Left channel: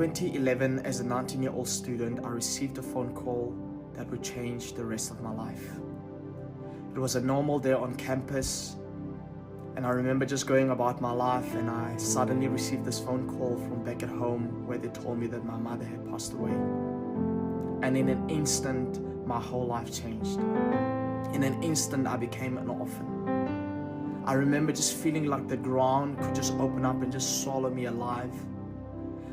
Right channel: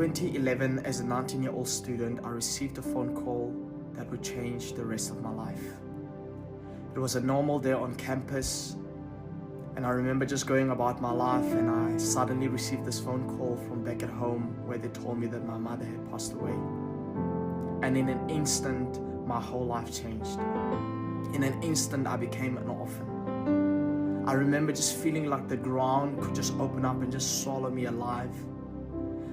2011, as a 19-year-old student, I received a phone call that would change the rest of my life. It was a normal day on campus, and I remember just going about my life, and I suddenly received this phone call from back at home where they told me that my mother had passed away. And in an instant, my whole life changed. In an instant, I became an orphan. I remember just feeling like the ground could just open up and just swallow me alive.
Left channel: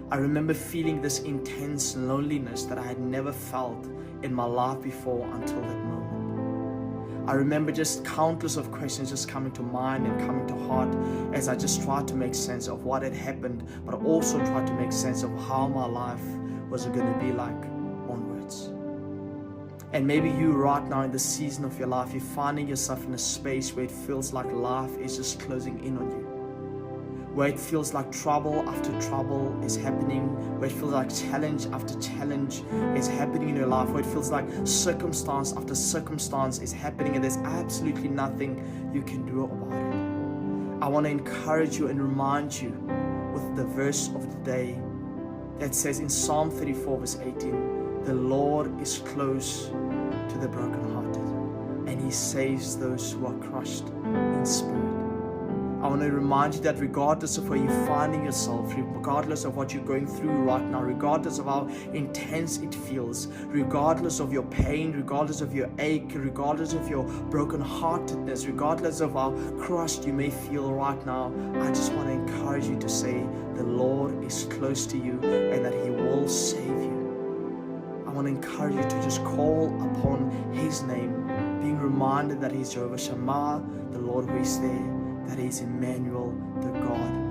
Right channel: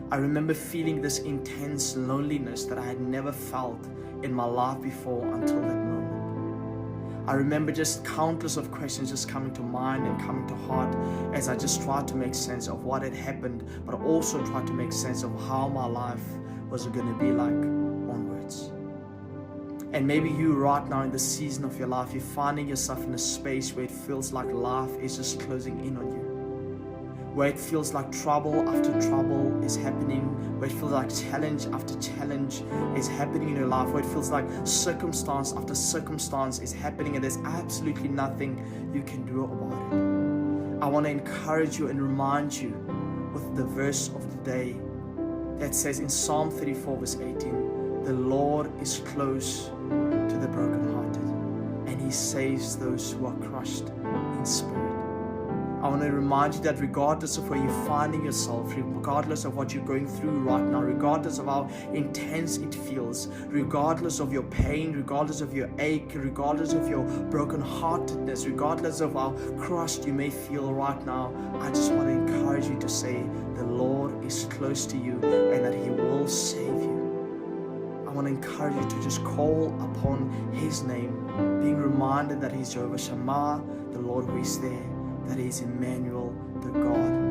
I remember feeling this intense loneliness that I had never felt in my life before until that moment. I remember just countless of questions just coming to mind and coming to heart as I just tried to make sense of what had happened, but also tried to make sense of how my life was going to be like onwards. And maybe you right now in the season of your life, you're finding yourself in a space where it feels like life is just closing in on you, where it feels like trouble after trouble is happening, where it feels like challenge after challenge is happening in your life, where it feels like circumstance after circumstance is happening and there's absolutely nothing you can do about it. I want to encourage you and remind you with the verse of the day that says in Psalm 34 verse 18, the Lord is close to the brokenhearted and He saves those who are crushed in spirit. I want to remind you that regardless of where you're finding yourself, regardless of what you're going through right now, regardless of how intense it feels, regardless of your pain, regardless of your ache, regardless of your brokenheartedness, regardless of how crushed you may feel right now, I just want to encourage you to say the Lord is close to you and that He will save you. I want to encourage you to just call upon His name, being reminded that He's Jehovah Shammah, the Lord who is there, that is Emmanuel, the God